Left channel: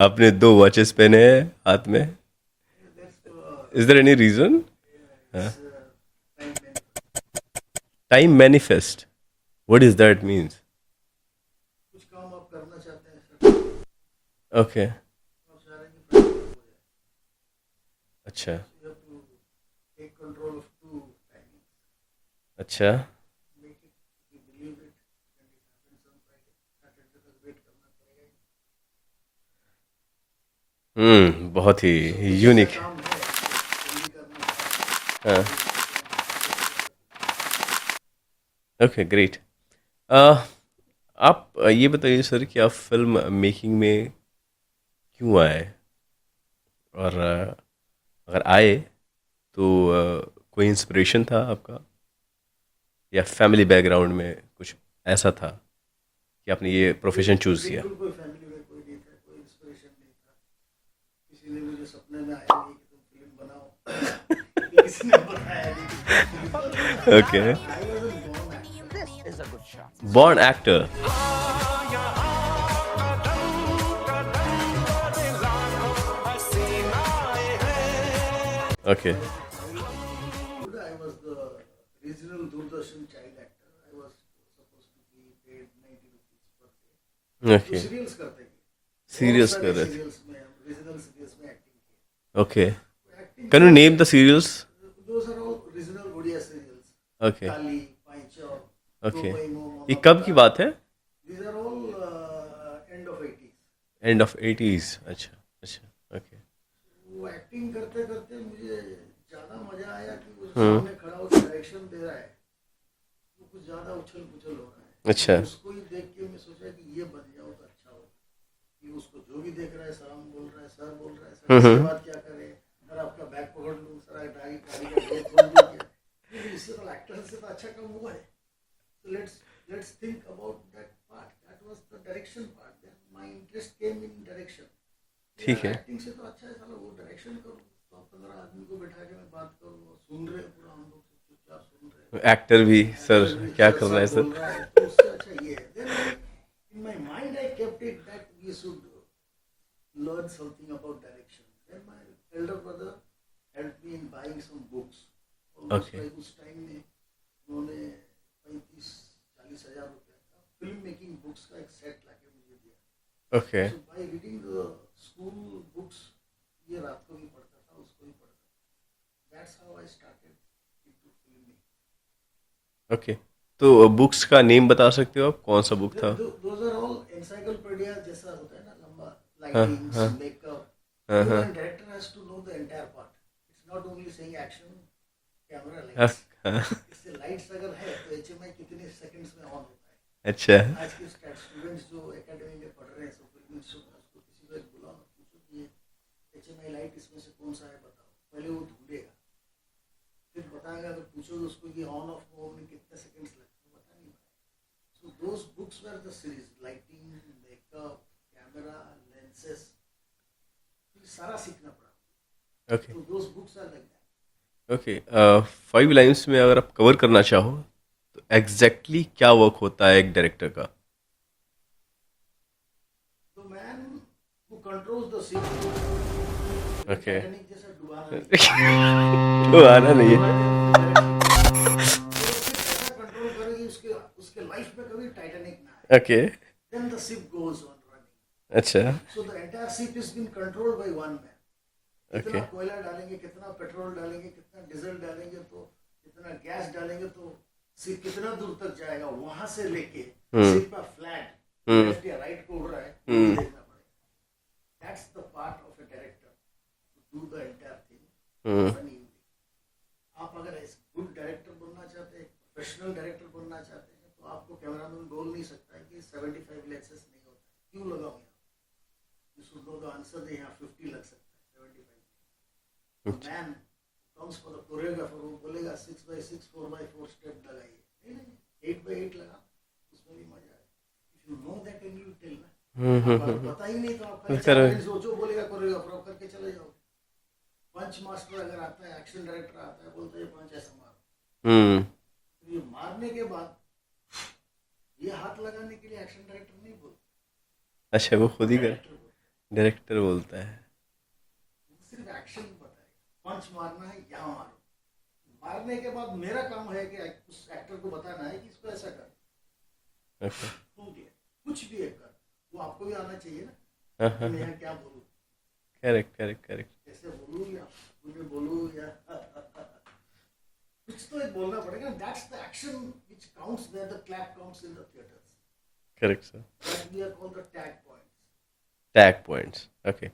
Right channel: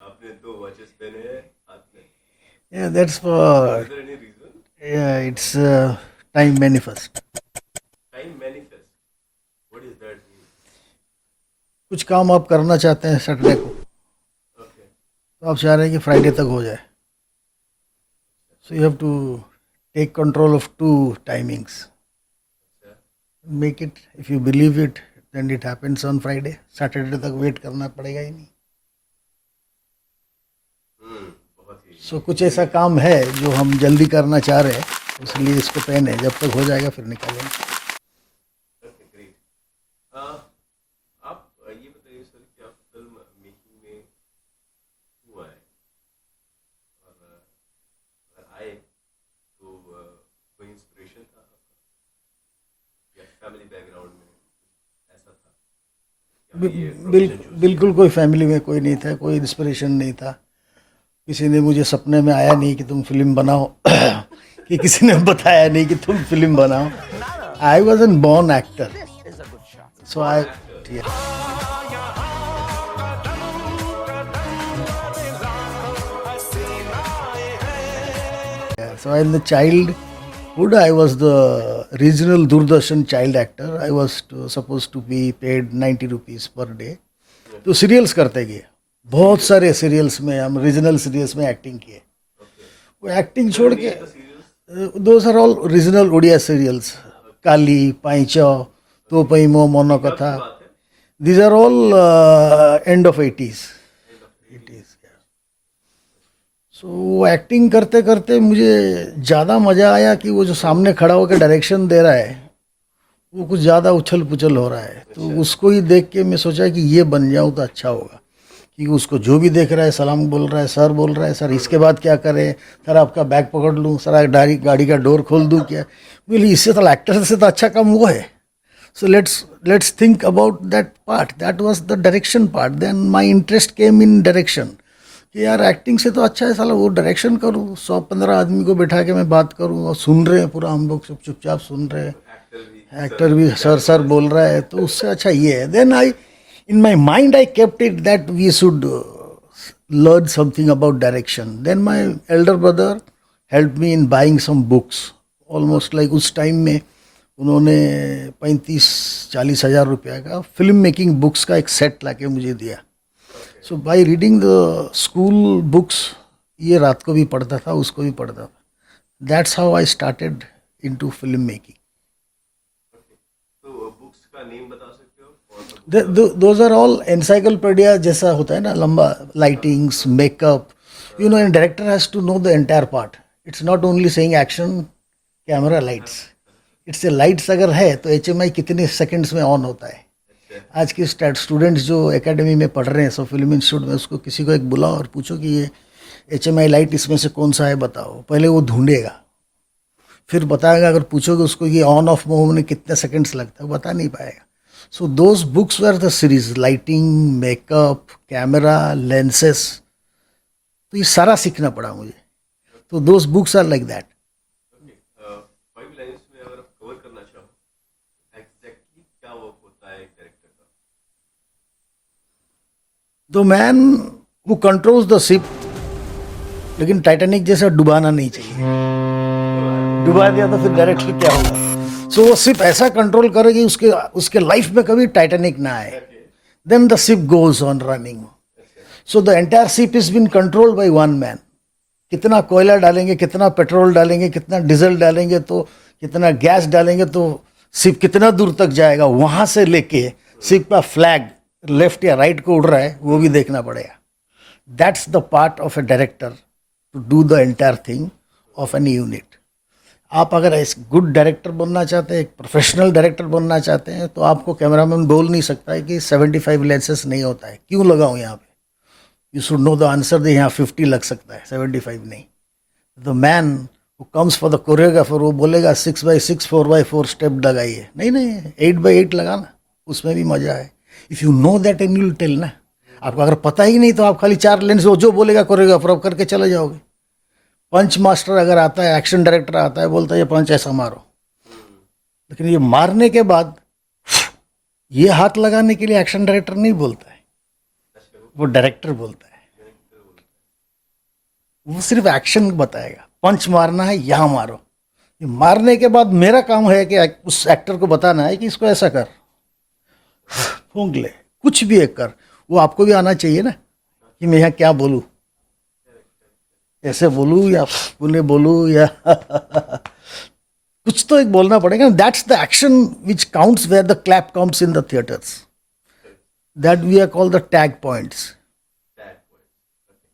आपने दो वॉचेस पहने हैं हाथ में. Yeah, that's for Is there any reason? yeah, it's time manifest. Time manifest. What does that means? कुछ काम आप करना चाहते हैं सैटरडे को, Okay. तो आप चाह रहे हैं कि फ्राइडे तक हो जाए. अच्छा. So you have two take control of two timings. अच्छा. Make it, if you believe it, then it happens on Friday. Saturday तक वेट करना पड़ेगा ही नहीं. बहुत ही सो कुछ ऐसा यूनिक. काम है जो हम जल्दी करना चाह रहे हैं, हाँ. इसलिए इसको पहने. जब तक हो जाएगा फिर निकालेंगे. Okay, great. आप ये बताइए सर कि आप फिल्म मेकिंग में क्यों आए, और अगर आए तो कोई इंस्पिरेशन था आपका, या फैमिली बैकग्राउंड में कुछ ऐसा था कि आपने ये प्रोफेशन चूज किया? बिल्कुल कोई फैमिली में कोई नहीं था, कोई इंस्पिरेशन नहीं था. किसी ने मुझे सपने में आया नहीं कि तुम फिल्म बनाओ. कि किसी ने बताया नहीं कि तुम फिल्म बनाओ. Okay. I was an born actor. Born actor. So okay. in the childhood, I was the regional Doordarshan child actor. I was supposed to be paid 90 rupees per day. तो सीरियल्स करते गए, बहुत Serials सारे कर रहे. Serials में हम regional serials में एक्टिंग किए. ओके. वो एक्टिंग कैन यू छोड़ name the serials? Those are all regional Odia serials. Okay. काली पाइचो, तो ओके. पैमो ये मोनो कब की कथा. बात है? These are all end of 80s. End of 80s. अच्छा. अच्छा. ओके. सो वो एक्टिंग करते करते मुझे ज़्यादा मज़ा आया कि वो जो सामने खड़ा होकर डायरेक्शन दे रहा है वो कुछ ज़्यादा उछल पुछल हो रहा है. अच्छा. तो उसको ही देख के मैं सोचा कि ये बन जाऊँ तो अच्छा होगा. कि उसको जो भी देख रहा है सलाम बोल रहा है, सर बोल रहा है, सर इसके बाद क्या करें, सर आपका बैग पकड़ लूँ, सर गाड़ी का डोर खोल दूँ क्या. बोली इससे तो एक्टर से तो अच्छा काम वो है. So let's think about that part. That was the direction part. Then my interest came in direction. कि यार एक्टिंग से तो अच्छा है साला वो डायरेक्शन करूँ. 115 आदमी को बैठा के मैं बात करूँ और सुन रहे हैं पूरा, हम लोग सब चुपचाप सुन रहे हैं. एक्टर भी एक्टर भी क्या सर कर सर रहे हैं बोल रहा है, तो उससे अच्छा ये है. Then I in my mind I kept it that we should learn something about direction. Then my elder brother helped me in buying some books. Almost like उस टाइम में उन्होंने 35-40 हज़ार रुपया का फिल्म मेकिंग बुक्स का एक set लाके मुझे दिया. Okay. So by reading the school books, ये रात को भी पढ़ता था, उसको भी पढ़ता था. That's how I started into film making. Okay. तो बुक्स का नेम बता सकते हो आप, कौन सा बुक था? दोज आर ऑल एनसाइक्लोपीडिया जैसा होता है ना, लंबा. Lightings, makeup, you know, and director has to know the entire part. It's not only saying action, camera, lights. It's a lights अगर है तो HMI कितने सेकंड्स में ऑन होता है. अच्छा. आज के स्टूडेंट्स जो एकेडमी में पढ़ रहे हैं, सो फिल्म इंस्टीट्यूट में, उसको किसी को एक बुलाओ और पूछो कि ये HMI लाइट इसमें से कौन सा है बताओ. पहले वो ढूंढेगा, फिर बताएगा. अगर पूछोगे उसको ये ऑन ऑफ मूव में कितने सेकंड्स लगता है, बता नहीं पाएगा. So those books were the series. Lighting, makeup, camera, lenses, तो ये सारा सीखना पड़ा मुझे. ओके. तो those books are like that. Okay. 5 lines में अगर आप कवर करना चाहो तो एग्जैक्टली क्या वर्क होता है एक डायरेक्टर का? The man who controls the ship. लेकिन टाइटैनिक जैसा डुबाना नहीं चाहिए. तो आना नहीं. डुबा दिया तो फिर डायरेक्टली क्या होगा. सो वो शिप ऐसा कंट्रोल करेगी उसके उसके लाइफ में कभी टाइटैनिक ना आए. Okay. Then the ship goes on running. अच्छा. So the entire ship is been controlled by one man. कितना कोयला डालेंगे, कितना पेट्रोल डालेंगे, कितना डीजल डालेंगे, तो कितना गैस डालेंगे, तो शिप कितना दूर तक जाएगा, वहां से लेके शिप का फ्लैग लेफ्ट या राइट को उड़ रहा है वो भी देखना पड़ेगा. That's the part of a director to do the entire thing of an unit. आप अगर एक गुड डायरेक्टर बनना चाहते हैं, एक प्रोफेशनल डायरेक्टर बनना चाहते हैं, तो आपको कैमरामैन बोल नहीं सकता है कि 75 लेंसेस नहीं होता है, क्यों लगाऊं यहाँ पे. You should know the answer. दे यहाँ 50 लग सकता है, 75 नहीं. The man who comes for the choreographer, वो बोलेगा 6x6 4x4 स्टेप लगाइए. नहीं नहीं, 8x8 लगाना, उसमें भी मजा है. If you know that and you tell ना. आपको अगर पता ही नहीं तो आप खाली 4 लेंस जो बोलेगा कोरियोग्राफर आप करके चले जाओगे. पंच मास्टर अगर आता है, एक्शन डायरेक्टर आता है, बोलता है ये पंच ऐसा मारो. लेकिन ये मारने के बाद ये हाथ लगाने के लिए एक्शन डायरेक्टर नहीं बोलता है, अच्छा. वो डायरेक्टर बोलता है. डायरेक्टर बोलता है। वो सिर्फ एक्शन बताएगा, पंच मारना है यहाँ मारो। ये मारने के बाद मेरा काम है कि उस एक्टर को बताना है कि इसको ऐसा कर, फूंक ले, कुछ भी एक कर। वो आपको भी आना चाहिए ना कि मैं यहाँ क्या बोलूँ, करेक्ट करेक्ट करेक्ट। ऐसे बोलूँ या पुणे बोलूँ या कुछ तो एक बोलना पड़ेगा। That's the action which counts where the clap comes in the theatres, correct sir. That we are called the tag points. Tag points, okay.